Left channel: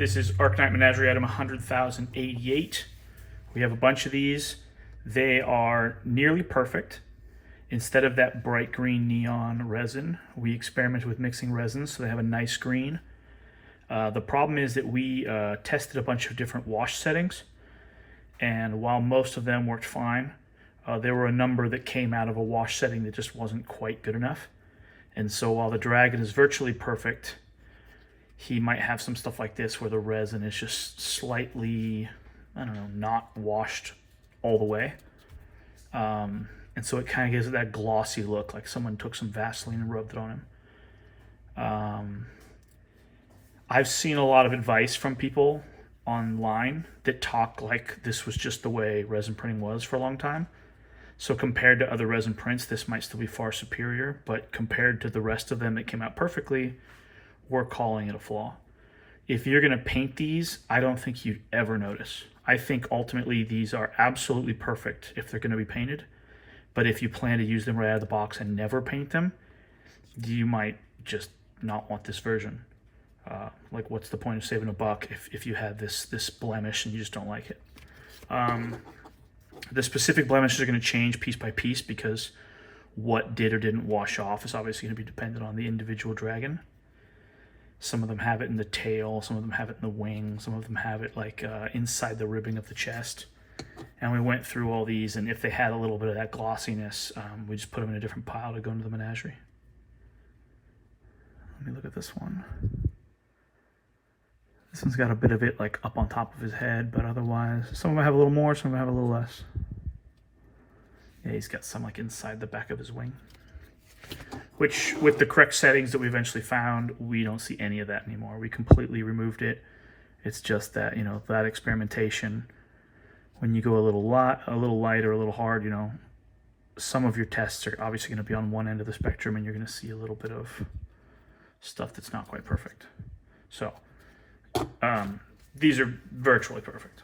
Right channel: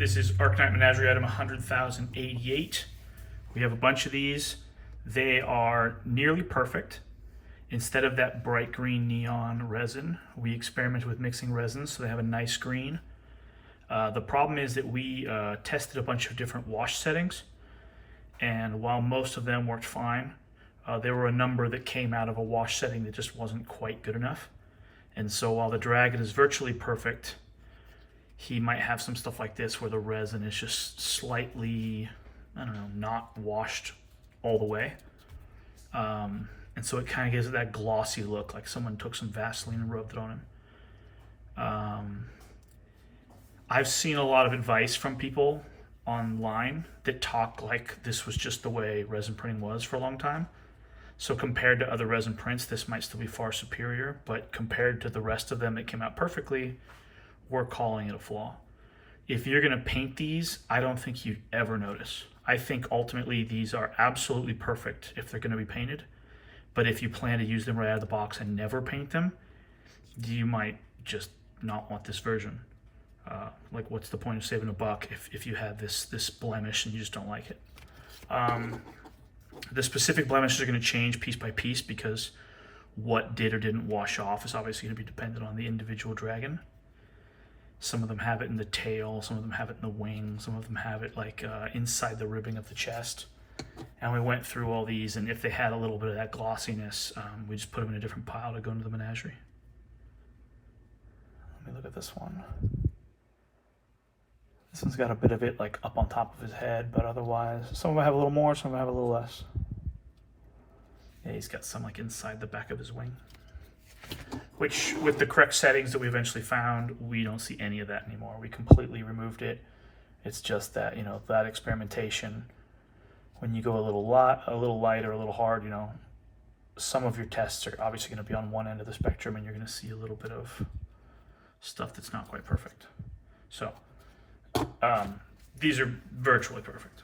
This is Arcknight Menagerie item 100,088. We have a bunch of these. They are nearly perfect. Instead of that bright green neon resin, we experimented with mixing resins so they have a nice green. The problem is that we tested a bunch of different wash settings, and while most of them worked fine, there were a number that came out of a wash setting that just wasn't quite good enough. And so while the dragon is virtually perfect, he might have some stuff like this where the resin is just slightly, I don't know, not washed all the way. And so it kind of gives it that glossy look, like someone took some Vaseline and rubbed it on him. I've seen a lot of advice from people online that talk like this was just the way resin printing was for a long time. So compared to other resin prints, this might still be far superior, but compared to the rest of them that came out perfectly, we're calling it a flaw. If you're going to paint these, I don't think you'd ever notice. I think ultimately these are absolutely perfect if they're going to be painted. But if you plan to use them right out of the box and never paint them, you might just not want this version. Like, what's the point of saving $1 if you have this blemish and you just don't like it? The specific blemishes are going to change piece by piece because what did or didn't wash off is obviously going to be dependent on the individual dragon. Some of them have it in the tail, some of them have it in the wing, some of them have it like inside the ribbing of the chest. And we went through all these, and if they had a little bit of that glossiness, we just put them in a different pile to go into the menagerie. Let me look at this one. This one's got a bit of it like up on top of his head, but otherwise, some of them have a little more, some of them have a little less. Yeah, he's got some like inside the back of his wing. Which, with the correct settings that we eventually found, we don't see any of that anymore. We completely removed it. It's just that, you know, that experimentation, when you go a little light or a little hard, you know, some of your tests are obviously going to be on one end of the spectrum, and you're going to see a little bit of stuff that's not quite perfect. So, these are virtually perfect.